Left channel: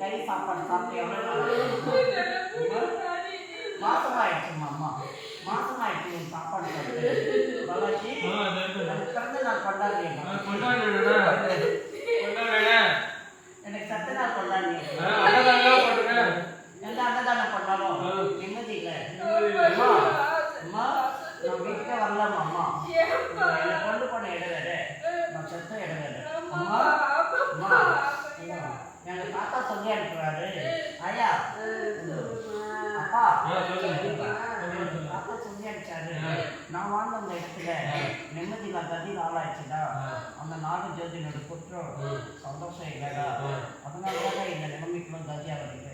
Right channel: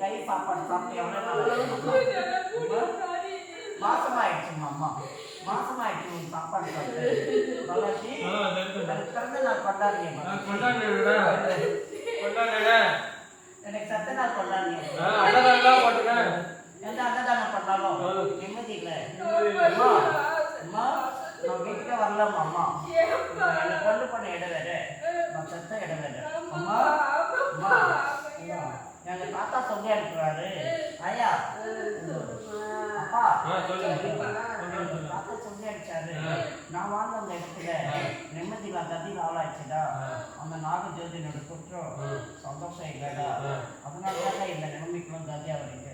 கை சாப்பாடு சாப்பிட்டு ஆச்சு அம்மா? மாசம் ஆயிடுச்சுமா அம்மா மாசம் ஆயிடுச்சு உன் சாப்பாடு சாப்பிட்டு. எனக்கு பிறந்த நாள் கொண்டாடுடா. கொண்டாடுடா. எனக்கு சத்த நாள் கொண்டாடுறியா ஆ, அன்னதானம் பண்ணாலும். நிம்மதி இல்லை அம்மா நான் வீட்டுல வரலாமா அம்மா? என்னை கொண்டு போன இடம் வேற நான் செத்த இடம் வேற அம்மா? அம்மா. எங்க தாத்தா சொல்லி அனுப்புறாரு. ஐயா. அப்பா. தாத்தா சொல்லி அனுப்பிச்சாரு. நான் வாழ்ந்த அந்த இடத்துல நிம்மதி இல்லாத அதிக ஆளாயிடுச்சுடா அந்த நாடு ஜோதினோட குற்றம் சந்தோஷம் இல்லைடா. அதனால தான் இந்த நிலைமைக்குலாம் கதியா வருது ம்.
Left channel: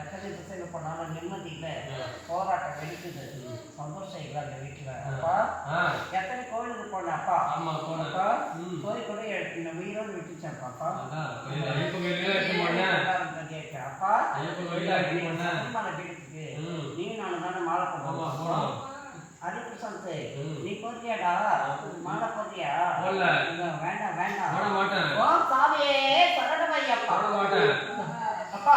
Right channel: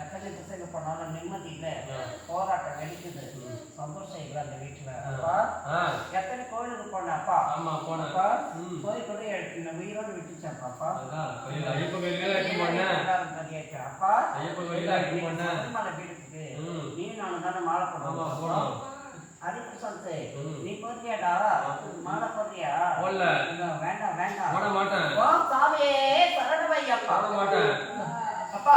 எத்தனை திசையில போனாலும் நிம்மதி இல்லை போராட்டம் வெடிக்குது. சந்தோஷம் இல்லை அந்த வீட்டுல. அப்பா எத்தனை கோயிலுக்கு போன அப்பா? ஆமா, ம். கோயில் கூட இந்த உயிரோடு விட்டுச்சேன் அப்பா. அப்பா கோயிலுக்கு எடுத்து நீ நானும் தானே மாலை போடுவோம். ஹரிபிரசாந்த் ம். நீ போறியாடா? மாலை போறியா? வேண்டாம் வேண்டாம். போட மாட்டேன். அப்பா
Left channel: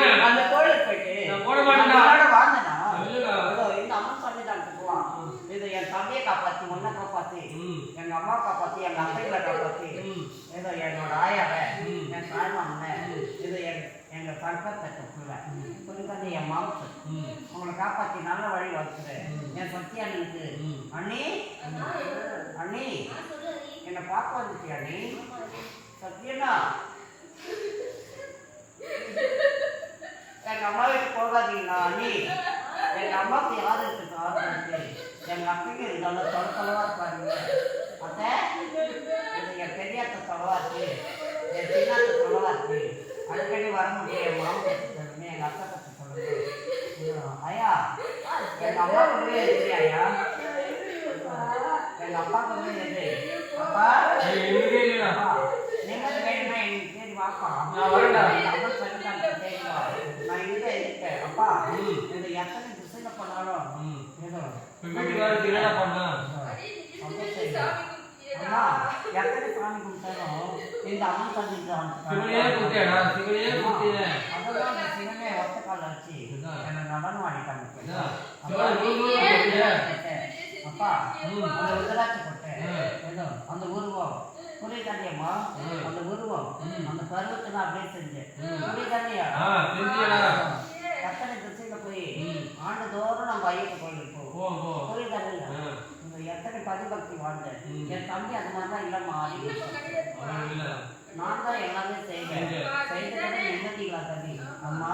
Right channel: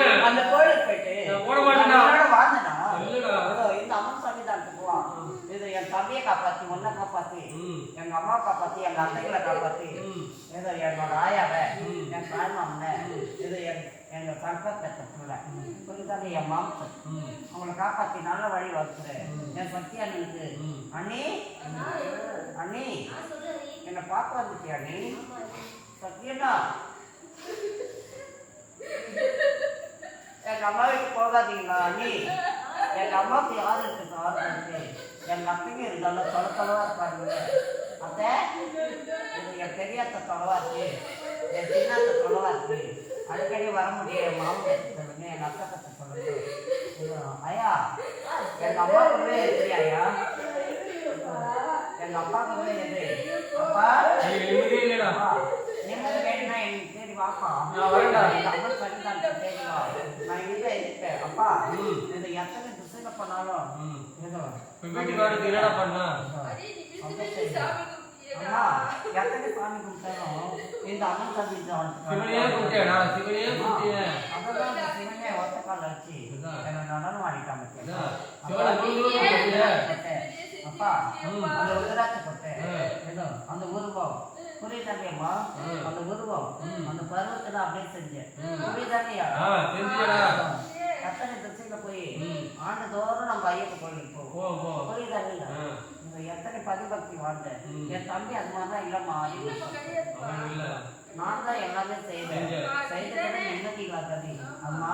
மாட்டேன். அந்த கோயிலுக்கு போயிட்டு. நான் உன்னோட வாழ்ந்தேனா? இந்த அம்மா சாமி தான் போவான் இது என் தம்பியை காப்பாத்தி உன்னை காப்பாத்தி ம். எங்க அம்மா காப்பாத்தி எங்க அத்தைகளை காப்பாத்தி. ஏதோ என்னோட ஆயாவை. என் தாய்மாமனை இது என் எங்க சங்கத்தை பிள்ளை புரியுதானே என் மாமத்து ம். உங்களை காப்பாத்தி நல்ல வழி வச்சுரு என் சத்யா அண்ணனுக்கு ம். அண்ணி அண்ணி என்னை பார்க்க வந்துட்டியா அண்ணி சத்யண்ணா எங்க அம்மா வீட்டுக்கு போகாதீங்களா அண்ணி? எங்க அம்மாவுக்கு யார் இருக்கு இருக்கு எங்க அப்பைக்கு இருந்தாலும் தொலை தொலைவா இருப்பாருங்க அத்தை இது என் பெரியாத்த தொலைவா இருக்கு. என் சின்னாத்த தொலைவா இருக்கு. அடிக்கடி வர முடியும் என் மாமன் சொல்லுங்க எங்க அத்தை பத்தி இது, ஐயா எங்க அம்மா கூடவே இருக்கிறியா ஐயா எங்க அப்பா கூடவே இரு அப்பா நீ நிம்மதியே இல்லடா. அப்பா, நிம்மதி வேணும்னா வாப்பா. நான் வரேன்டா. நான் இங்கே இருக்கேன். அப்பா, எத்தனை திசையில போனாலும் ம். ஏதோ, இப்ப வீட்டுக்கு வரதுக்கு என்னடா பண்ண? அம்மா, எத்தனை சாமி கும்பிட்டாலும் இந்த அம்மன் சாமி தான் சிவனையே கும்பிட்டியாடா? சிவனையே கும்பிட்டியே. அதெல்லாம் அந்த சிவனே ஒத்த கால இதுதான். என்னை நடனம் ஆடிட்டாங்க. அப்பா, சிவனை. அந்த உதராட்சி அந்த புரியுதாண்டியம்மா ம். அந்த உருவம். அந்த பருவத்தை நான் அப்படியே செஞ்சேன் செஞ்சியடா. எத்தனை திசையில போய். ஆண்டுதோறும் நம்ம ஐயப்ப கோயிலுக்கு போவோம் போ, போ. புரியுதாண்டியா ஆ. இந்த எத்தனை பதிபக்தி வாழ்ந்தேன். என் தம்பி அது மாதிரி தான் இல்லம்மா. நான் தான் எல்லாமே செய்வேன் செஞ்ச. செய்தபடி நிம்மதி இல்லாதது அம்மா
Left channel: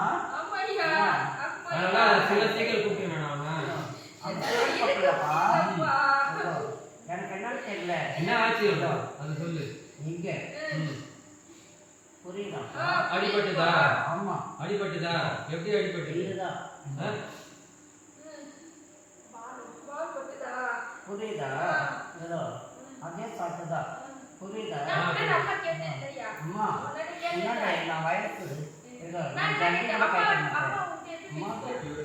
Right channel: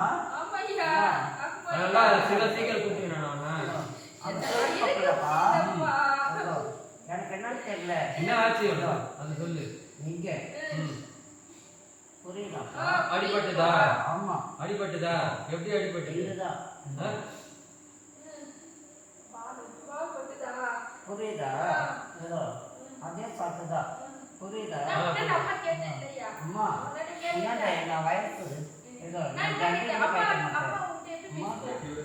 சில சீக்கிரம் கூப்பிட்டுக்கிறேன் நானு. அந்த கோயில் பக்கலப்பா அதோ, எனக்கு என்னன்னு தெரியல. என்ன ஆச்சு? அது சொல்லு. இங்க. ம். புரியுதா அடிபட்டுதா? ஆமா. அடிபட்டுதா? எப்படி அடிபட்டுது? இதுதான்? புரியுதா? ஏதோ அதே சாட்டுதா புரியுதா? அம்மா என்னடா நான் வயசு? ஏதோ நான்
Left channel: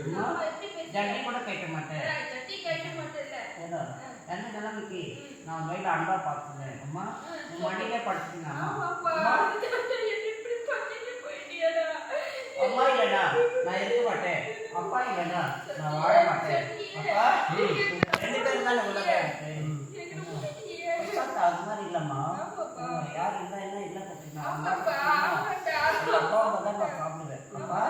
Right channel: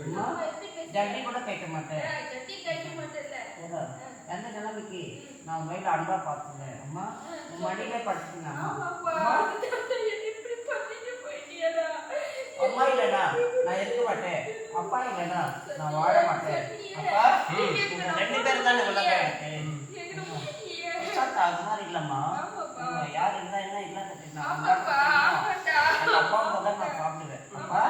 அம்மா ஜல்லி கூட கேட்க மாட்டேன். ஏதோ எந்த நிலைமைக்கு நான் வயல அன்பா பார்த்துக்கிறேன். அம்மா உன் மடியிலே படுத்துங்க அம்மா. இல்லைனா நான் இருக்க மாட்டேன். அப்பா இல்லைனா நான் வாழ மாட்டேன். அப்பா? ரெண்டு பேரும் தானே பச்சாத்தா, அது மாதிரி இல்லம்மா. யார் இருந்தா என்ன இல்ல கட்டினா அப்பா தான் நான் சாப்பிடுவேன். அப்பா?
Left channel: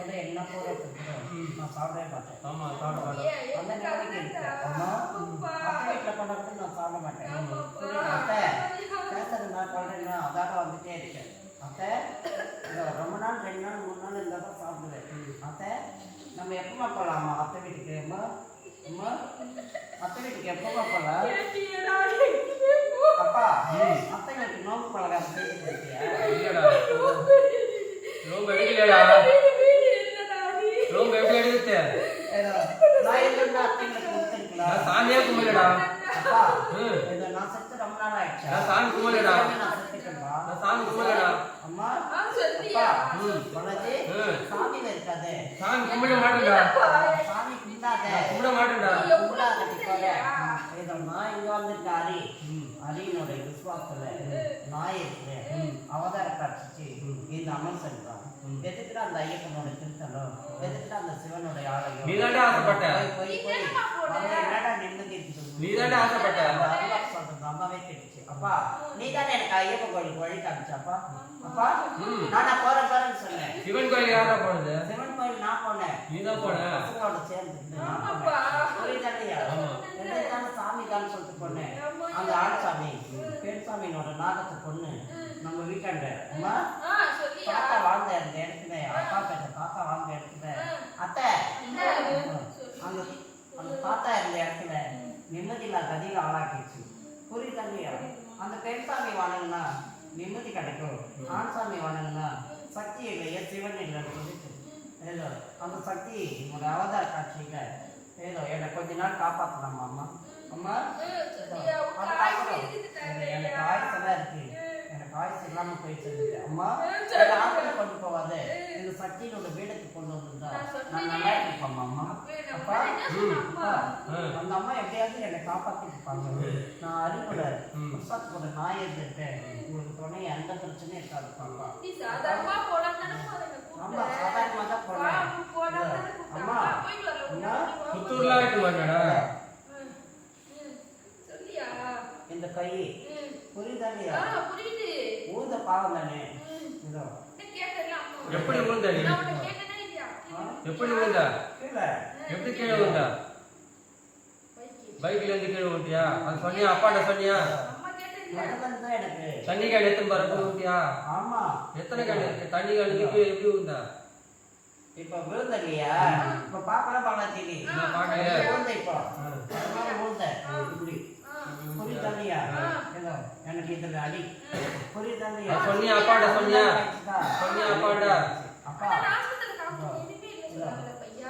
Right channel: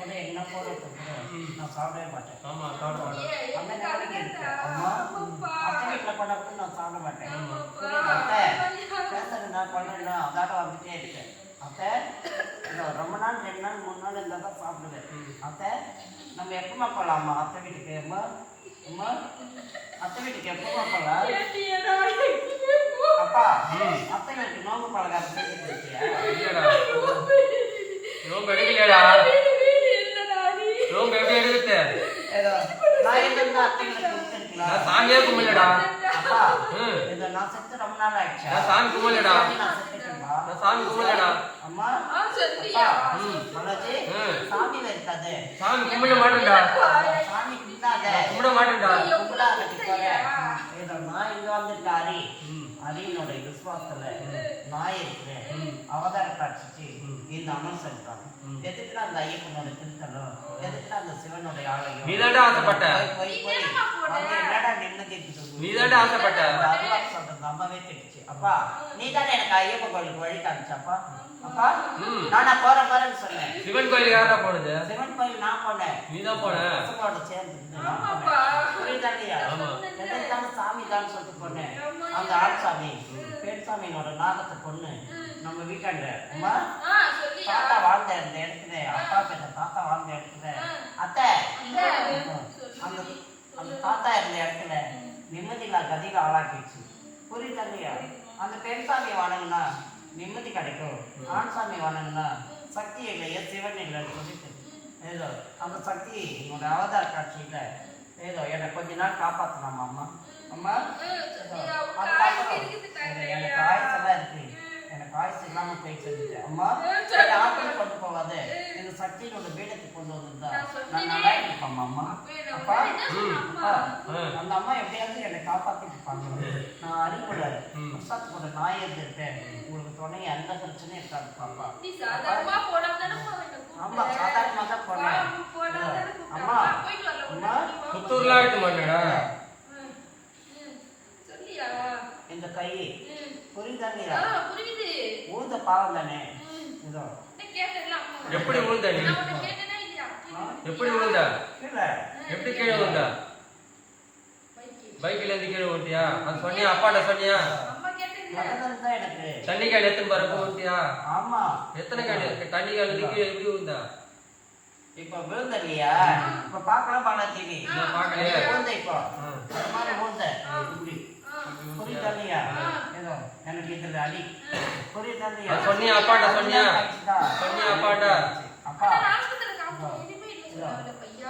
கூட என்ன கூட நான் சாப்பிடவே மாட்டேன். ஆமா சாப்பிட மாட்டேன். அந்த இருக்கேன் அம்மா அத்தை வீட்டுல பண்ண கூட நான் சாப்பிட மாட்டேன். அத்தை? பேசுறது நான் பண்றேன்னா அதாக வந்துட்டே இருக்கேன் அத்தை இதோ ரொம்ப நாள் ரெண்டு நாள் மூணு நாள் இருந்தால் தான் சாப்பிடுவேன். அத்தை நம்ம எப்பமா போகலாமா அத்தை வீட்டுக்கு அம்மா அம்மா அத்தை வீட்டுக்கு எப்பமா போகலாம் அப்பா அத்தை வீட்டுக்கு நோம்பு இல்லடா ரொம்ப எடுக்கலையாடா ரொம்ப எப்படி எடுக்குது ஏதோ நான் நான் சாமியே கும்பிடலடா. அப்பா. இதோ நான் செத்து ரொம்ப நாள் ஆயிடுச்சா. நான் சாமி கும்பிடலடா. நான் செத்துட்டேன்பா. நான் சாமி கும்பிடலடா. அம்மா. சாமி இருக்காது சாமி கும்பிட மாட்டேன்டா. சாமி கும்பிடாத. போற ஏதோ நான் இங்க வந்துட்டு அரி ம். அரியனோட இது விசுவாசத்துல நாய் இருக்கிறேன் அவதார காட்சிச்சு இந்த அம்மன் சென்றான் எதுக்குடா அந்த ஐயப்பனோட திருத்தலம் எதுக்குடா அந்த சிவனுடைய ஆலயம் ஆசைப்பட்ட. போய் போய் என்னடா நிம்மதி இருக்குது? ஆசைப்பட்ட. அந்த அருளாக்கு சொல்றது அம்மாவே திட்டுச்சு. அப்பா நீ தானே எனக்கு ஐயப்பன் கோயிலுக்கு வழி காமிச்சப்பா அப்பா. நானா போறேன் போறேன்னு சொன்னேன் சிவன் கோயில் யாரா போனது சிவன் கோயில் நான் போனேன் நீதான் போன பசங்களோட சேர்ந்து நான் ஆமாப்பா. போனேன். புரியுதா இல்லையா? ஆமா. எதுக்காக சாமி தான் சொல்லிட்டு போனேன் அந்த ஆள் சாமி பெண் சாமியோட நாகத்தை பொண்ணு நம்ம வீட்டாண்ட அம்மா? தாத்தா வாழ்ந்த இந்த இடத்துல அப்பா பெற்ற தாத்தா வாழ்ந்த இடத்துல. அத்தை. அந்த அந்த தாத்தா இருந்த இடத்துல நிம்மதியில்லா கதியில ஆளாக்கிடுச்சு. புரியுதா இல்லையா? அந்த பெண் சாமி வணங்குனா நிம்மதி கிடைக்கும். ஆண் சாமி வணங்குனா சக்தி இல்லையா சிவன் இல்லைன்னு சொல்லிட்டு. ஏதோ அந்த சக்தி உன்னோட அவதார காட்சியில ஏதோ என்னை கொஞ்ச நாள் காப்பாத்தலாமா அம்மா? அம்மா ம், சொல்லியா? உன் அது காய்ச்சி பார்க்கணும். இருக்குது தானே, எனக்கு ஐயா. ஆயுசு எல்லாம் இருக்கு இல்லாம போயிட்டு அம்மா. என்னை ஆப்பிள் கொண்டு போகாத. எங்க சக்தியோட வீடுக்கு கொண்டு வந்திருந்தா. நான். நல்லா இருப்பேன் அம்மா? அப்பா அந்த அம்மா எப்படியாவது என்னை காப்பாத்திருப்பாங்க நான் அறிவுல ம். புஸ்தகத்தோட நாய் இருந்துட்டேன் உங்களுக்கு துணை எந்த பிரச்சனையும் இருக்காது பாப்பா. ஆமா. சாதாரணமா தான் போனேன். அம்மா வா, போயிட்டு வரல, அம்மா உடனே வா. புத்தூர்ல ஆயிட்டு மாட்டேடா இந்த கை ம். புரியுதா ஆ, இல்லையா புரியுது. ஊந்த பாவம் தானே. இதோ. எப்படி விழுந்த நீ? எப்படி விழுந்த கீழே. எப்படி கீழே விழுந்த பைக்கு. பைக்ல இருந்து கீழே விழுந்தியா அது சொன்னியா? அப்பாட்ட சொன்னியா? தண்ணி கேன் எத்தனை பரப்பு விழுந்தியா ஆமா. எத்தனை கேன் இருக்கு? தண்ணி கேன் கீழே எப்படி இப்ப விழுந்த இல்லையா இப்ப பாக்கலாம் பாலாச்சி நீ நான் பார்க்கலையே. விழுந்த இப்போ. மாதிரி விழுந்த இப்படி. ஆ. புரியுதா இல்லையா ஏதோ எனக்கு இதுல அடி புரியுதா இல்லையா அது சொன்னியா அப்பாட்ட சொன்னியா ஆயிடுச்சுதா? சொன்னியா அப்பாட்ட அப்பா?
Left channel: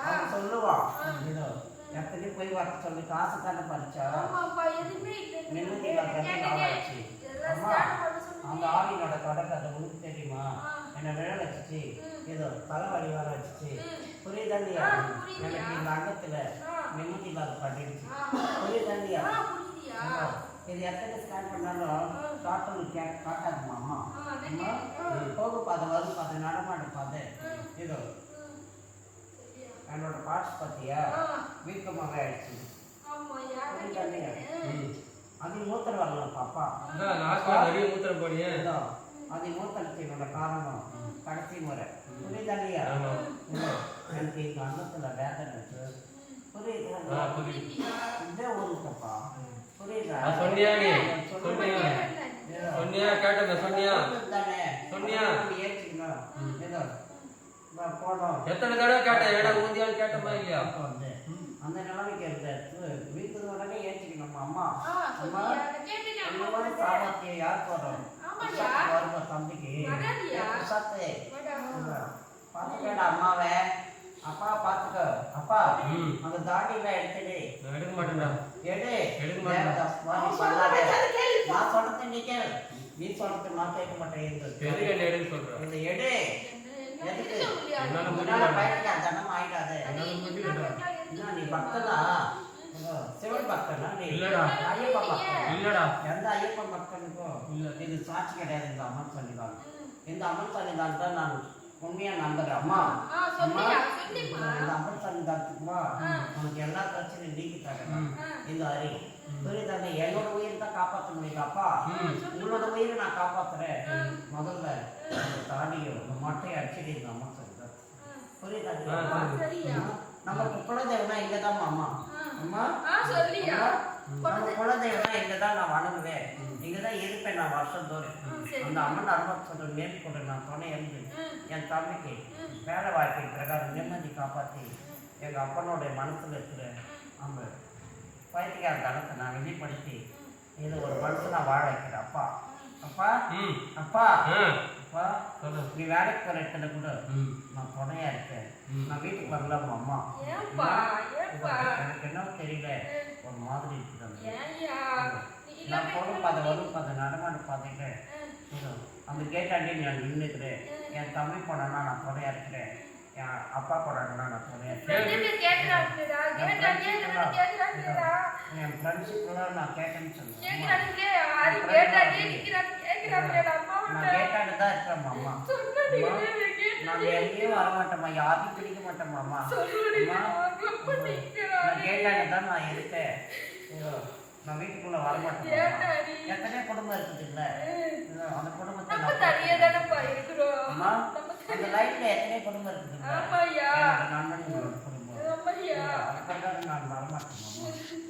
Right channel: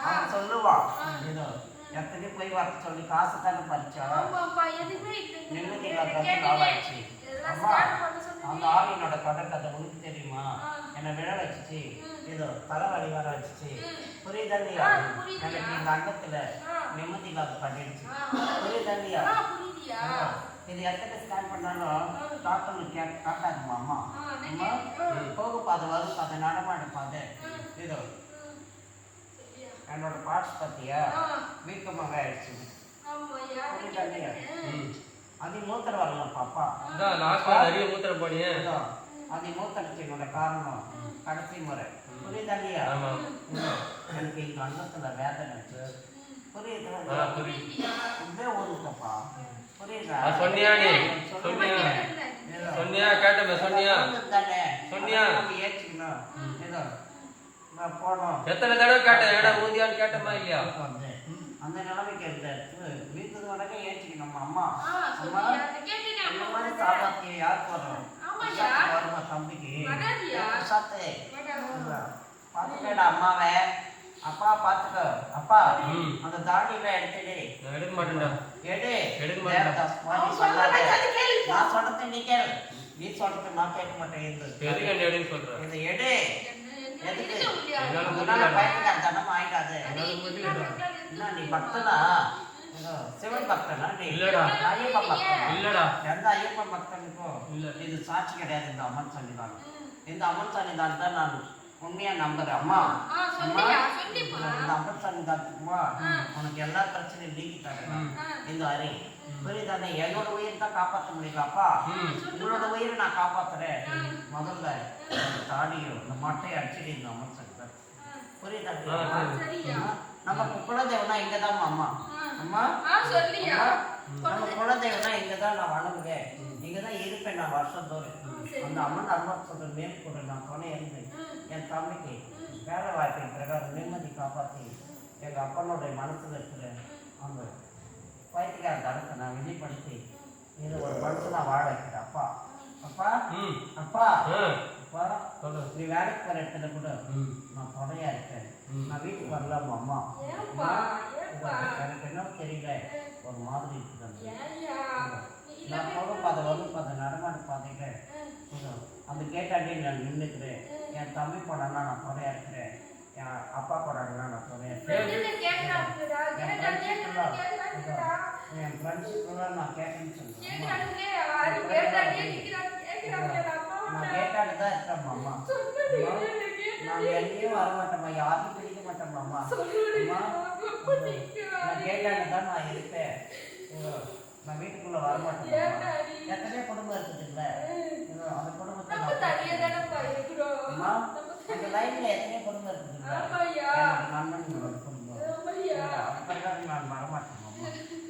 அவன் சொல்லுவான் ஏதோ எத்தனை போய் வர சொல்லி காசு தானே பறிச்சா. நிம்மதி. நாளாச்சு எல்லாம் அம்மா. அந்த ஆவியினோட தொடக்கத்தை உனக்கு தெரியுமா. என்னை விழ வச்சுச்சு ஏதோ தலைவலி வர வச்சுச்சு புரியுதா இல்லையா ஆ, அது புரியுதுயா. எனக்கு இந்த அங்கத்துல. நிம்மதி இல்லாத பண்ணிடுச்சு ஆ. இது எத்தனை ஸ்கேன் பண்ணாலும் டாக்டர் கே காட்டாதுமா அம்மா. அம்மா நெட்டு. போகு பாதை வரும் பாதை நடமாடு பாதை இதோ? என்னோட பார்ட்ஸ் பார்த்தியா ஆ. வீக்கமாக ஆயிடுச்சு. அது மூத்தர் வரலாம் பாப்பா. நிறைய மூத்திரம் போனியே. அது மூத்தரத்தினோட காரணம். கடைசி முறை. புரியுதா இல்லையா? ஆமா. இதோ, எனக்கு இந்த அன்னத்துல வேதனை. புரியுதா? இதே புரியுதா அது சொன்னியா நீ. சொன்னியா. ஏதோ, சொன்னியா கேட்டமே சொன்னியா. தானே சொன்னியா? எத்தனை தடவை கேட்டேன் ஏடா ஊந்தியான்னு கேட்டமா இல்லையா? அந்த நிலைமைக்கு இருந்தாச்சு வீட்டுக்கு உடனே ஏற்றுக்கணும் அம்மா? அம்மா இந்த அம்மா மாதிரி. சாமர்த்தியம் ஆமாய்யா. உஷாத்துக்கு வருமா தம்பிக்கு. பாத்துக்கடா அம்மாவை. அப்பா பாத்துக்கோ அப்பா. அந்த தாடியில எடுத்துடு. நான் எடுக்க மாட்டேன்டா. எடு. எடுக்க மாட்டேன். தேவதாஸ் மாதிரி அவன் சொல்லாத. சொல்றதை கேளு, கேளு. நான் சொல்றது நீ கேளு. நீ சொல்றது நான் கேட்க மாட்டேன் எதுக்கு என்ன எடுக்க சொல்ற? இந்த எடு. என்ன- எதுக்கு? என்னால ஆயிடாது என்னால முடியல நீ பக்தனா? சிவன் பக்தனா நீ? இல்லடா. ஐயப்பன் பக்தன்? இல்லடா. எந்த ஐயப்பன் பக்தனுக்கும் இல்ல. இது சாட்சி கிடையாது இந்த அம்மன் சன்னிதானம். இந்த அம்மன் சன்னிதானத்தை நான் உண்மையா நம்புறேன் அம்மா. அம்மா சொல்லியா, சொல்லிப்பா. இந்த சன்னிதானத்துக்குமா உனக்கு எல்லா பிரச்சனையும் நீக்கி தரேன் இந்த அரி. புரியுதானே என்னோட உயிர் தான் காப்பாற்ற முடியல அப்பா ம். உங்களோட உயிரை நான் காப்பாத்துறேன். முதல்ல தாடியும் இந்த மட்டையை அடிச்சுட்டு இந்த அம்மன் சன்னிதானம் புரியுதா ஆ, அம்மா? சரியா? நம்ம குலதெய்வம்னா இங்கதான் அம்மா. அம்மா? நம்ம குலதெய்வம்னா இங்கதான் நான் வணங்குவேன். இங்கதான் இருப்பேன் நான் வருஷம் தோறும். சரி. அந்த அம்மன் அருமத் சொல்ற மேற்கொண்டு நான் துணை இருந்து என் தம்பிக்கு வேலை வாய்ப்பின் பிரகாரம் நிம்மதி காப்பாற்றி எங்க அப்பனோட மனசுல இருக்கிற அந்த பைத்தியக்கார தனத்தை நான் வெளிப்படுத்தி இது ஒரு மனுஷனா வாழ வைக்கிறேன். அப்பா அப்பா அப்பா அப்பா சொல்லு. நீ வேலைக்கு போற இடத்துல கூட நான் துணையா இருக்கேன். நான் வீட்டுக்கு வரலாமா அம்மா? எனக்கு என்ன தெரியல ஒரு மாதிரி இருக்குது நான் போகும் பாதை வரும் பாதை நடமாடு பார்த்துட்டு அந்த கேட்டாண்டி நான் நின்றுக்கிறேன் என் தம்பி போனா நான் துணையா இருக்கிறேன். என் அப்பா போறாங்கன்னா நான் கேக்குறா கேக்குறாங்கடா என் ஃப்ரெண்ட்ஸுக்குலாம் நான் கேட்டேன்னு அம்மா நான் கேட்டாண்டு தான் இருக்கேன் மாமா நான் எங்கேயும் வர மாட்டேம்மா யாரையும் பிடிக்க மாட்டேன் மாமா நான் கேட்டாண்டு தான் நான் இதோ, நான் வீட்டுக்குள்ள வர மாட்டேன். எத்தனையோ குடும்பம் இருக்குதுல்ல அந்த குடும்பத்தை நம்ம நான் தனியா தானப்பா இருக்கிறோம் அம்மா அந்த லைஃப்ல எத்தனையோ குடும்பம். என்னோட நண்பன் குடும்பம். அதுக்காக நான் வரமாட்டேன்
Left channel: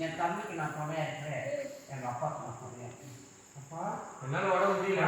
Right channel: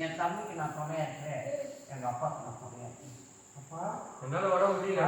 என் தம்பிக்கு நான் துணையா இருக்கிறேன். எங்க அப்பாவுக்கு நான் துணையா இருக்கிறேன். அப்பா? என்னால உடம்பு முடியல.